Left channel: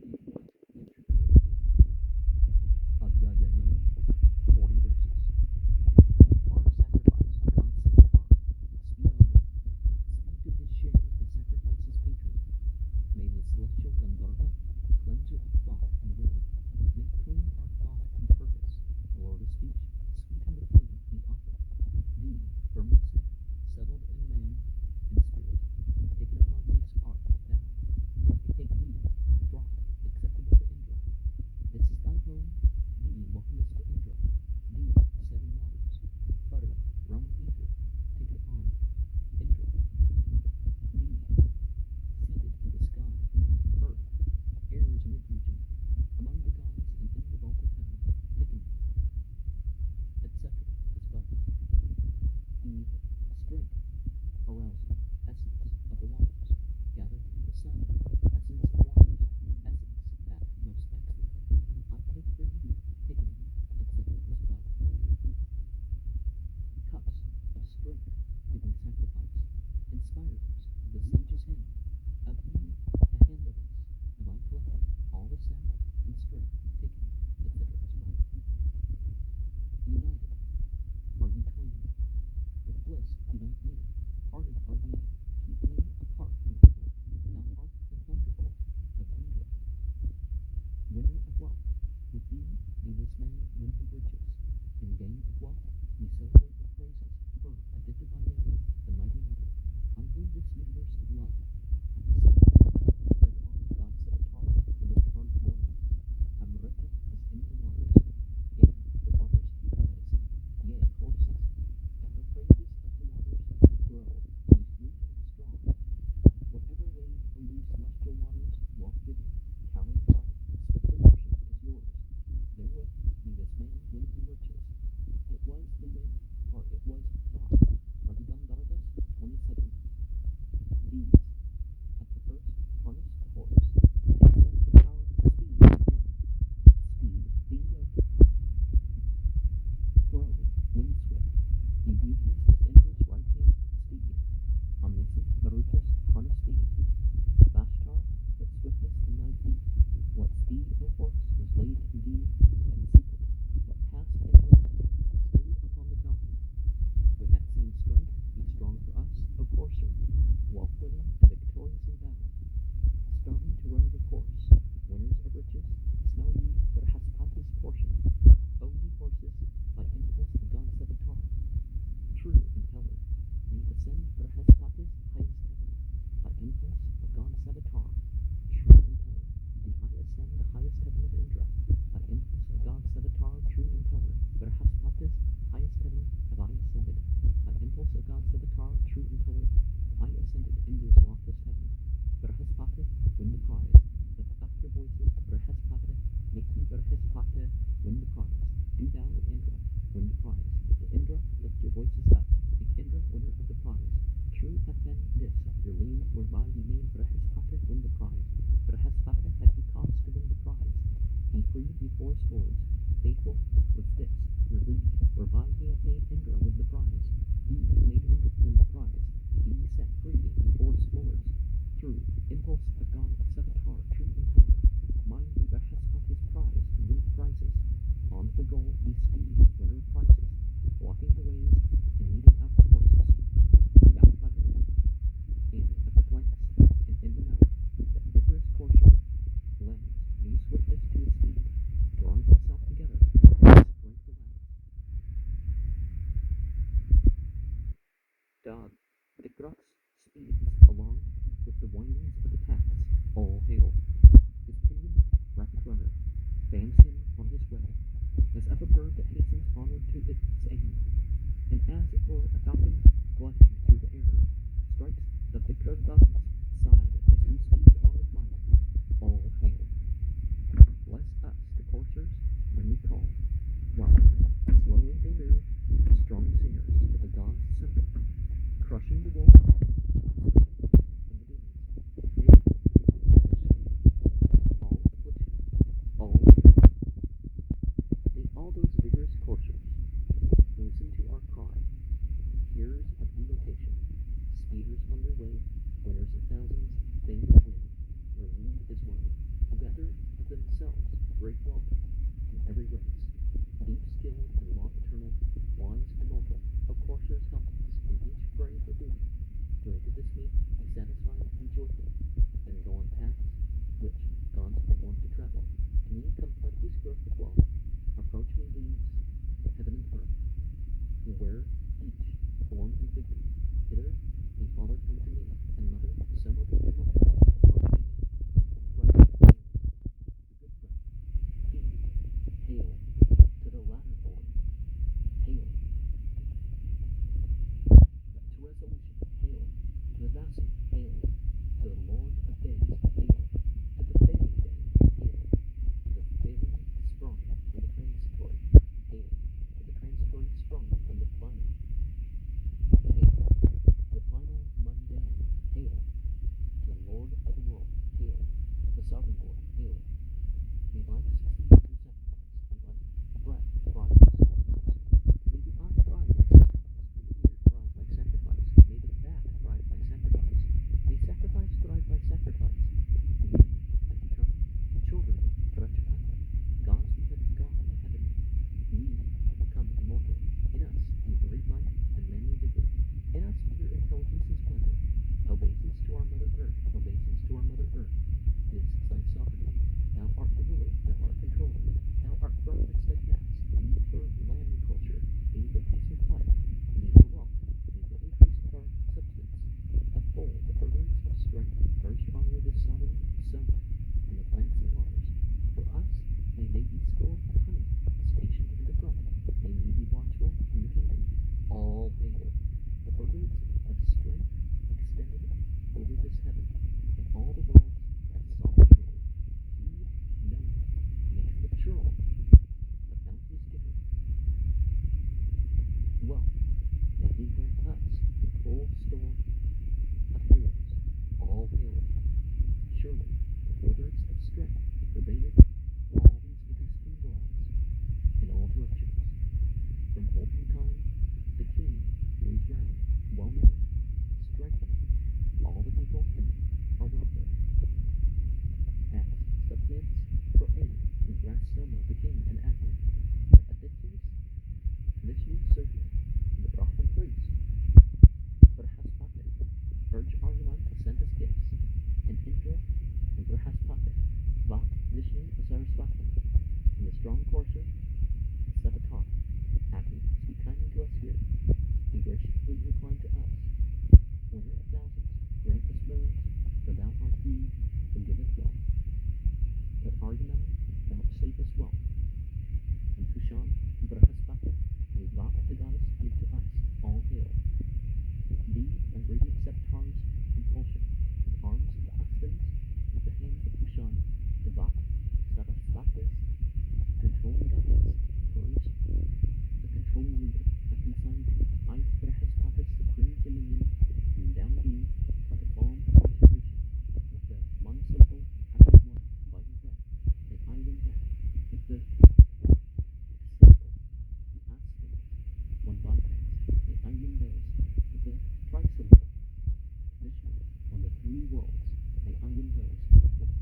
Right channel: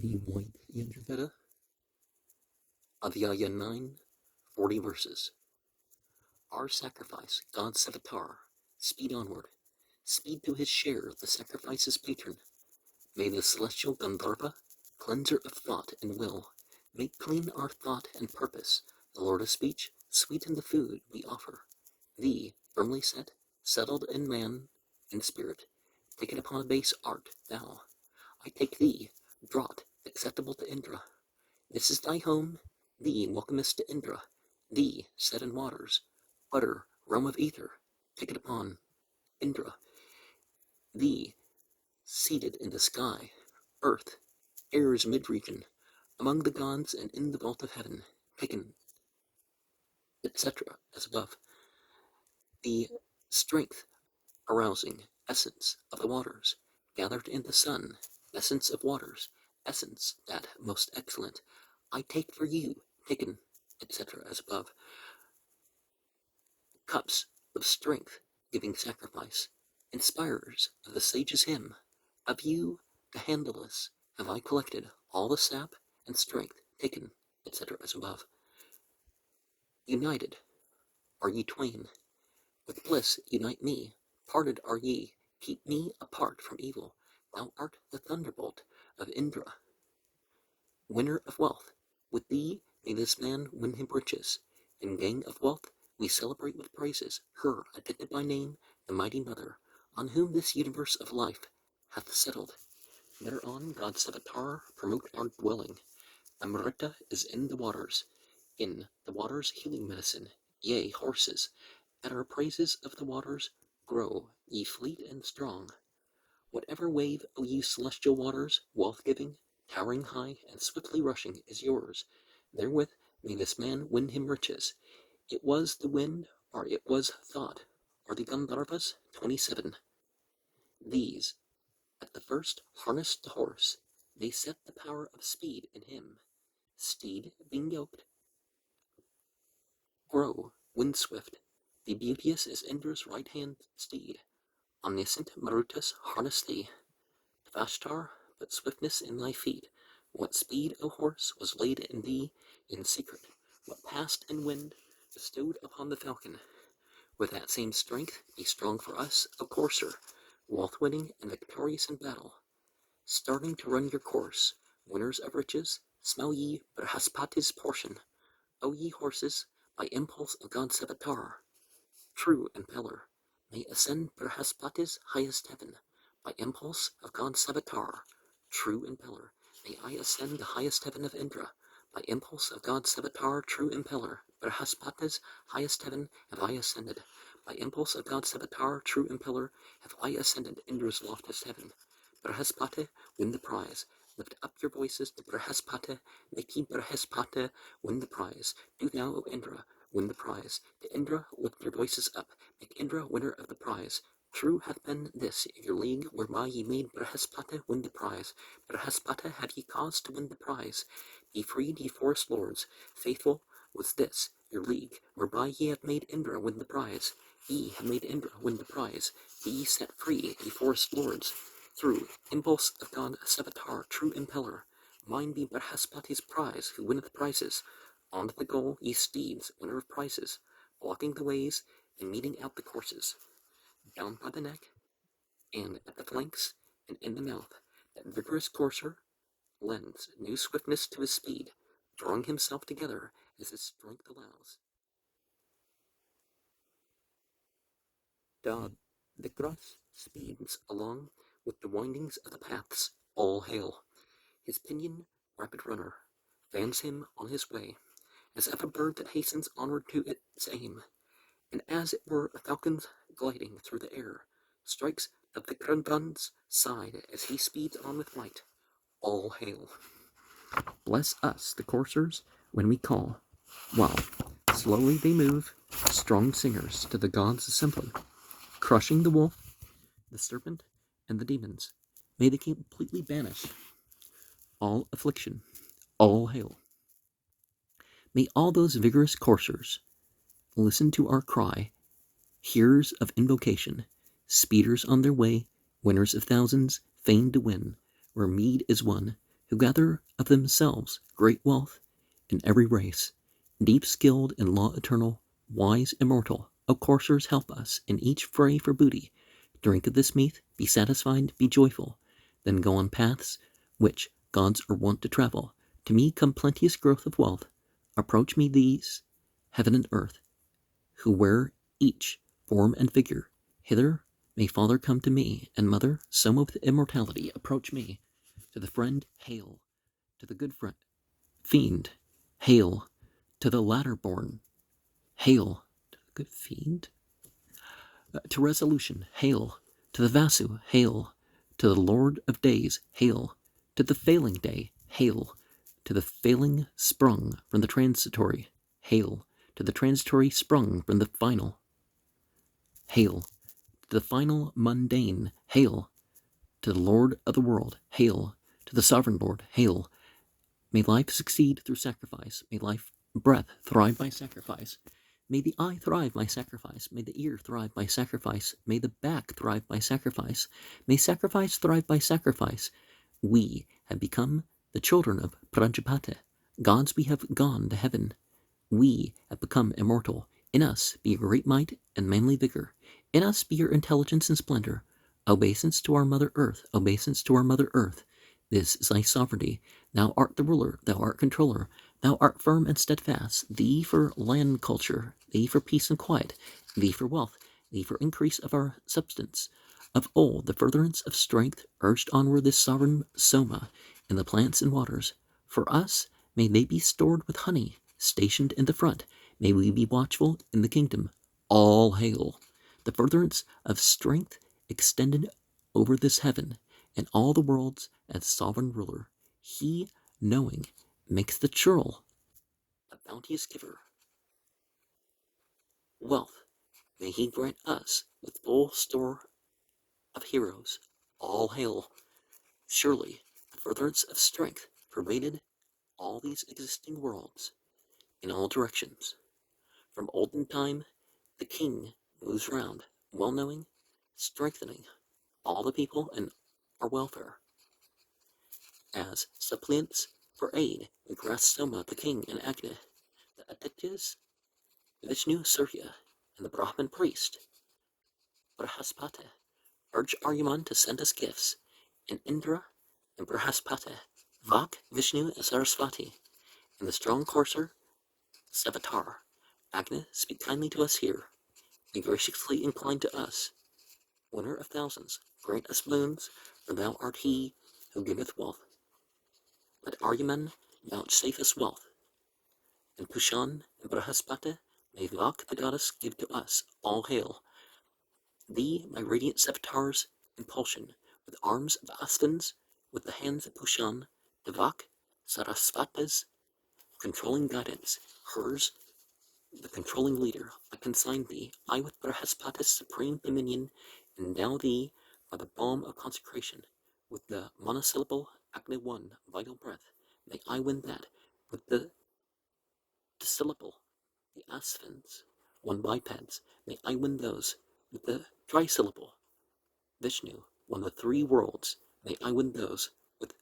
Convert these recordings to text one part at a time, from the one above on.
The White Yajurveda, Adhyaya 9, 40 verses. Our sacrifice, God's avatar, speed onward, speed to his share, the sacrifice's patron. May the celestial Gandharva, cleanser of thought and will, make clean our thought and purpose, the Lord of speech, sweeten the food we offer. Thee, firmly set, settled in man and spirit, taken upon a base art, thou. I take thee, draught, acceptable to Indra. This is thy home, thee welcomest to Indra, thee set in waters, butter, realm of ether, take it upon Indra, thee seated in the sky, earth, air's mid-region, among the gods and in the vault of heaven, taken, etc., as above. The strength arousing essence of the waters, gathered in the sun, essence of waters, essence that most excellent, I take for you, taken, etc., as above. Cups of strength, giving sacrifice, inspirers of the sage's hymn, of you, the handleless, have I collected all the sap and strength, taken, etc., as above. United are ye twain, with bliss unite me, parted are ye, keep me apart from evil, thou art the thunderbolt of Indra. Winner of wealth, with thee may this man win him riches, in gang of wealth we celebrate with praises her, attended by name, the mighty mother, on whom this universe of life hath settled. Thereon God's avatar promote our dwelling. Amrita is in the waters healing medicine, yea, horses. At our praises of the waters grow, ye fleet and strong. Whatever wave, O ye celestial waters, wealth-giving, towering high and swiftly rushing, is yours. Therewith may this man win him riches. It was the wind, or it was thought, or the Gandharvas, 27. These, at the first, harnessed the horse. They set the power of speed in him. Steed, being yoked, grow, wind-swift. The beauteous is Indra's right-hand steed. Omniscient Marutas harness thee. Vashtar, but swiftness in thy feet. What speed, O horse, was laid in thee in secret? What passed in wind, bestowed upon the falcon? With that same strength, be strong for us, O courser, wealth-winning and victorious in battle. Starting to run your course, winners of riches, smell ye Brihaspati's portion. O ye horses, by impulse of God's avatar, true impeller, may ascend Brihaspati's highest heaven. By impulse of God's avatar, true impeller, may I ascend the highest heaven of Indra. By impulse of God's avatar, true impeller, Brihaspati's highest heaven have I ascended. By impulse of God's avatar, true impeller, have I ascended Indra's loftiest heaven. Brihaspati, win the prize. Lift up your voices to Brihaspati, make ye Brihaspati win the prize. Do thou, O Indra, win the prize. To Indra, lift your voices up, make Indra winner of the prize. True hath been this your league, whereby ye made Brihaspati win the prize. Brihaspati have ye cause to win the prize. Ye freed ye forest lords. Faithful was this your league, whereby ye have made Indra win the prize. Ye have made Indra win the prize. Be ye set free, ye forest lords. Through impulse of God's avatar, true impeller, mine be Brihaspati's prize, who winneth prizes. On to the goal, ye steeds, winner of prizes, blocking the ways and meeting out the courses. Down by the neck, and at the flanks, and in the mouth, that vigorous courser lends new swiftness to his speed, drawing himself together as his strength allows. Dog, the cross speeds along with the windings of the paths, all hail. His pinion, rapid runner, vans him on his way, as of a bird that hastens onward to its aim, and as it were a falcon's gliding through the air, strikes the Vikrangan's side as he speeds on with might. All hail. Bless us, the coursers, when we call, while slowly they move, strong singers to the gods' assembly, crushing the wolf, the serpent, and the demons. May they completely banish all affliction. All hail. May all those vigorous coursers listen to our cry, hearers of invocation, speeders on their way, winners of thousands, fain to win, where mead is won, who gather of themselves great wealth in every race, deep skilled in law eternal, wise immortal, O coursers, help us in each fray for booty. Drink of this mead, be satisfied, be joyful, then go on paths which gods are wont to travel. To me come plenteous growth of wealth, approach me these, heaven and earth, who wear each form and figure. Hither may father come to me, and mother, some of immortality, approach me. To the friend, hail, to the good friend, fiend, hail, to the latter born, hail, to the good fiend, to resolution, hail, to the Vasu, hail, to the Lord of days, hail, to the failing day, hail, to the failing sprung from the transitory, hail, to the transitory sprung from the final, hail, to the final mundane, hail, to the Lord of the world, hail, to the sovereign Lord, hail. May life succeed through sacrifice, may life breath thrive by sacrifice. May the eye thrive by sacrifice, may the ear thrive by sacrifice, may the back thrive by sacrifice, may sacrifice thrive by sacrifice. We have become the children of Prajapati, gods we have gone to heaven. We have become immortal. In us be your great might and manly vigor. In us be your intelligence and splendor. Obeisance to our Mother Earth, obeisance to our Mother Earth. This is thy sovereignty. Thou art the ruler, thou art controller. Thou art firm and steadfast. Thee for land culture, thee for peace and quiet, thee for wealth, thee for increase of our substance. Of old, the furtherance of strength urged onward this sovereign Soma in the plants and waters. For us, may they be stored with honey, stationed in the front. May we be watchful in the kingdom. All hail. The furtherance of strength extended over this heaven and all the worlds as sovereign ruler. He, knowing, makes the churl a bounteous giver. Wealth, may he grant us with full store of heroes. All hail. Surely, the furtherance of strength pervaded all these existing worlds in all directions. From olden time, the king moves round, well knowing, strengthening all the people and our welfare. As suppliants for aid, we grasp Soma, the king, and Agni, the Aditya's, Vishnu, Surya, and the Brahmin priest, Brihaspati, urge Aryaman to send us gifts, and Indra and Brihaspati, Vak, Vishnu, and Saraswati, and the strong courser, Savitar, Agni, speak kindly to us here, be graciously inclined to us. Winner of thousands, grant us boons, for thou art he who giveth wealth. Let Aryaman vouchsafe us wealth, and Kushan and Brihaspati, may Vak the goddess give to us. All hail. Thee, my radiant Savitar's impulsion, with arms of Asvins, with the hands of Kushan, Devak, Sarasvati's controlling guidance, hers, the controlling leader. I consign thee, I with Brihaspati's supreme dominion, endow thee by the balm of consecration, with the monosyllable Agni one, vital breath. May I win that, with the syllable, the Asvins, one bipeds. May I win those, with the trisyllable, Vishnu, one of the three worlds. May I win those, with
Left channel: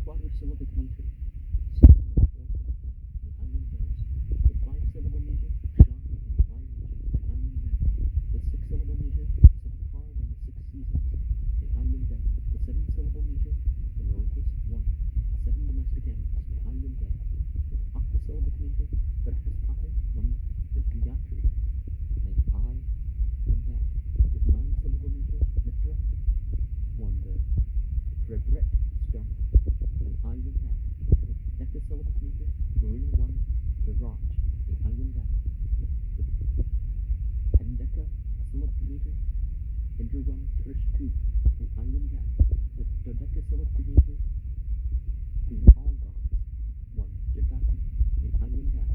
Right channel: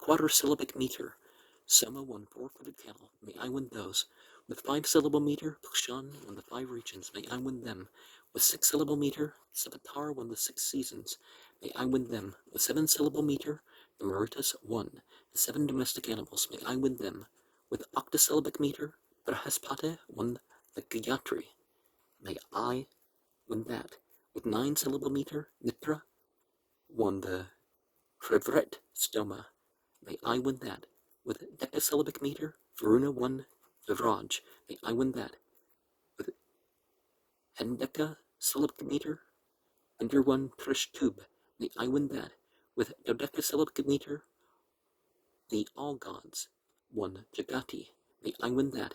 quadrisyllabic meter, Soma, one four-footed camel. May I win those, with five-syllable meter, Kushan, one of the five regions. May I win them, with six-syllable meter, Savitar, one of the six seasons. May I win them, with seven-syllable meter, the Marutas, one, the seven domestic animals. May I win them, with octosyllabic meter, Brihaspati, one, the Gayatri. May I win that, with nine-syllable meter, Mitra, one, the Krivret stoma. May I win that, with decasyllabic meter, Varuna, one, Vivraj. May I win that, with hendecasyllabic meter, under one, Krishtub. May I win that, with dodecasyllabic meter, the all gods, one, Jagati. May I win that.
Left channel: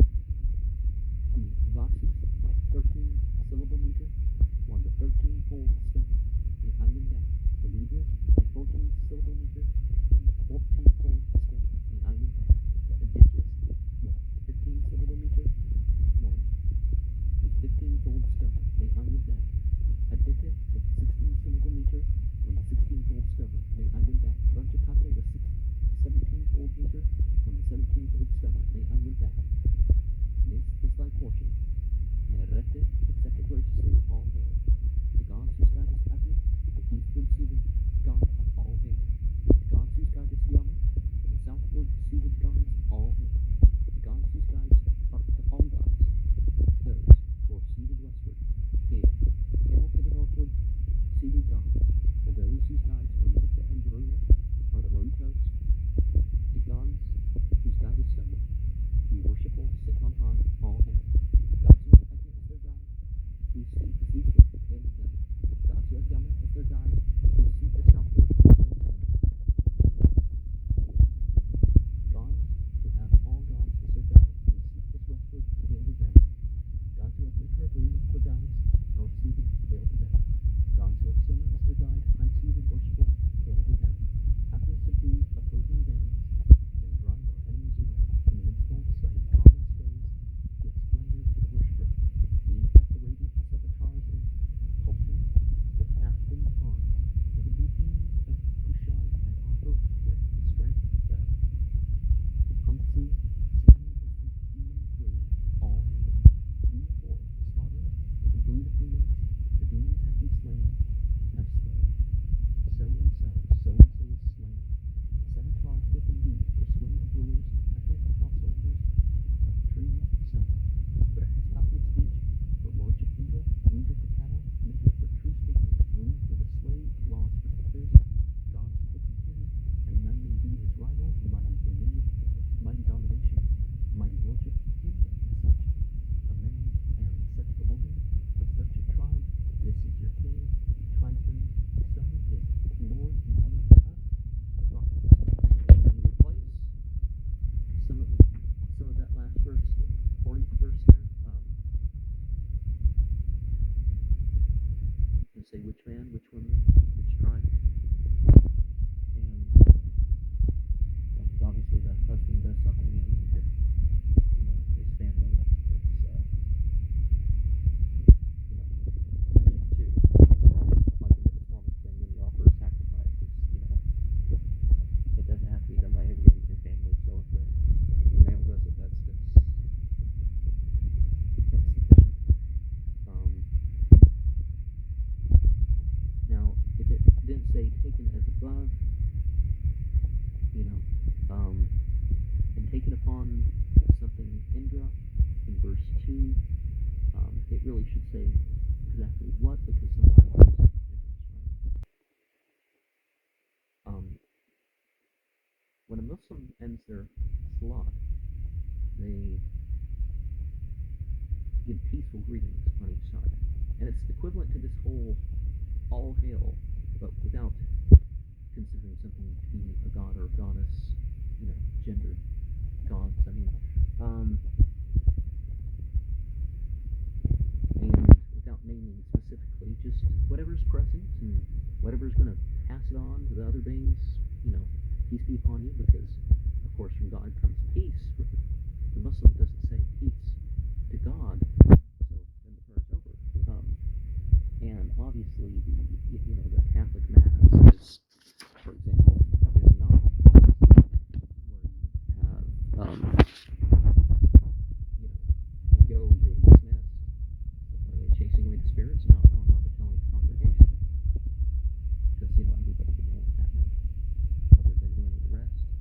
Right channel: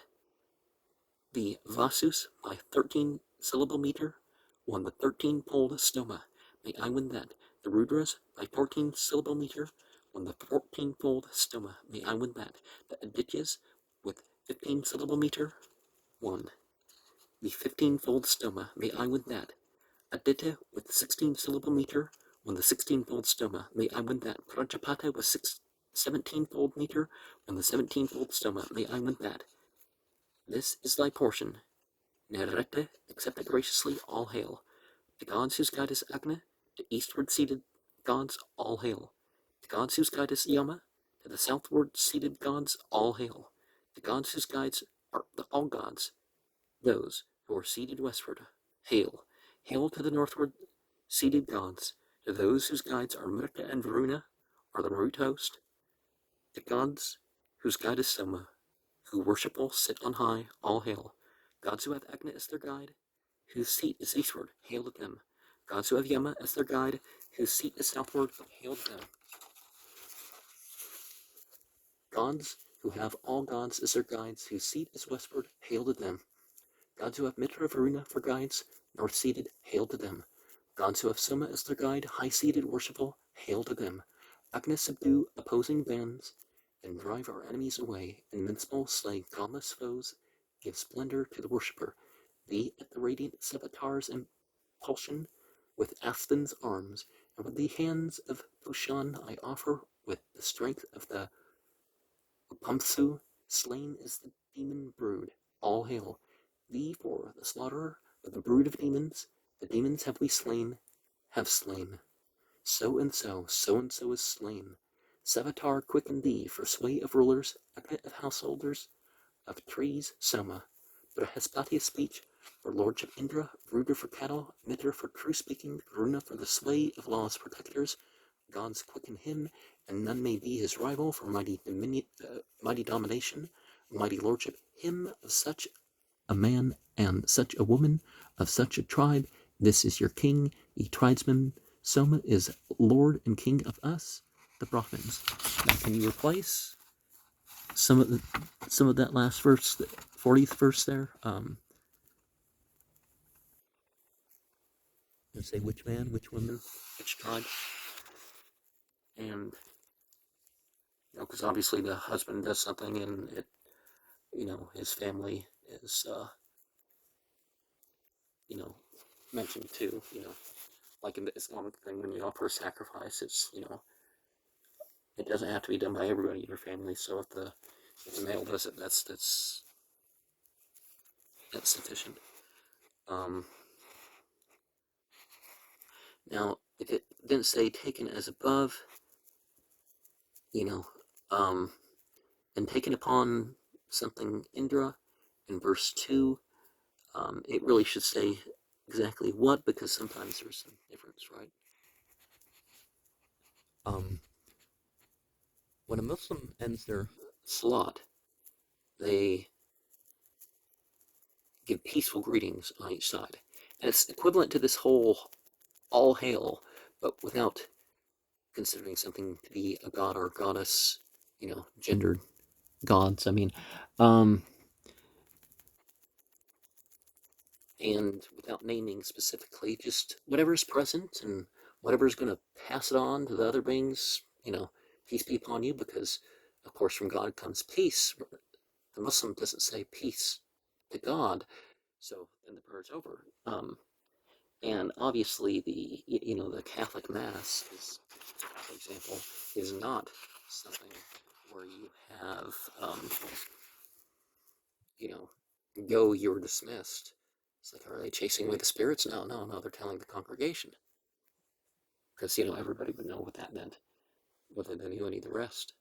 The Vasus, by 13-syllable meter, one, the 13-poled stoma. May I win that. The Rudras, by 14-syllable meter, one, the 14-fold stoma. May I win that. The Adityas, with 15-syllable meter, one, the 15-fold stoma. May I win that. Aditya, with 16-syllable meter, when the 16-fold stoma, may I win that. Prajapata was 17-fold meter, when the 17-fold stoma, may I win that. This is thy portion. Nerete, accept it graciously, all hail. The gods whose guide is Agni, to eastward seated gods, all hail. The gods whose guide is Yama, to the southward seated gods, all hail. The gods whose guides are all gods, those who are seated westward, hail. Hail to the northward seated gods, to those whose guides are Murta and Varuna, or the Marut host. The gods whose guide is Soma, who worshipful sit on high, all hail. Gods who have Agni as their guide, whose seat is eastward, hail to them. Gods who have Yama as their guide, whose seat is southward, hail to them. Gods who have all gods as their guides, whose seat is westward, hail to them. Gods who have Mitra Varuna for guides, north-seated, hail to them. Gods who have Soma as their guide, high-seated, worshipful, hail to them. Agni subdue opposing bands, and drive our enemies away. Invincible, slay godless foes, give splendor to the worshipper. Thee at the radiant Savitar's impulsion, with Aspen's arms, and with the hands of Pushan I offer, with the strength of the Pamsu, slain is the demon brood, all hail. Thee for the slaughterer of the brood of demons, the demons have we slain, have slain. So and so is slain. Savitar quicken thee for sway of rulers, Agni of householders, of trees, Soma, Brahespati speech, for lordship Indra, Ruder for cattle, Mitra for true speaking, Varuna for the sway of law's protectors. Gods quicken him, and none may be his rival for mighty domination, mighty lordship, him of such a man and such a woman, of such a tribe. This is your king, ye tribesmen. Soma is lord and king of us, the Brahmins. Now, can you replace some of that last verse, the 40th verse there? And say which man, which woman, which tribe, and because obviously the husband does something, and it, his family is mentioned too. Like in the Islamic thing, when you offer a sacrifice, it's it doesn't have to be done by everybody in your family. So if the male does it, that's sufficient. Now, if it didn't say taken as above, and taken upon something Indra in verse 2, it really should say exactly what, because sometimes there's a difference, right? When a Muslim ends their salat, they give peaceful greetings on each side. And it's equivalent to this whole all hail, but without considering something to be a god or a goddess, gendered gods, and without naming specifically, just whatever's present and whatever's going to pass it on to the other beings, peace be upon you, because, of course, from God comes peace. The Muslim doesn't say peace to God, so then the prayer's over. And obviously the Catholic Mass is, for example, is not something where you have, go, you're dismissed. It's like, are they chasing away the spirits? No, they're telling the congregation. Because, everybody would know what that meant, whether they knew any of the rest.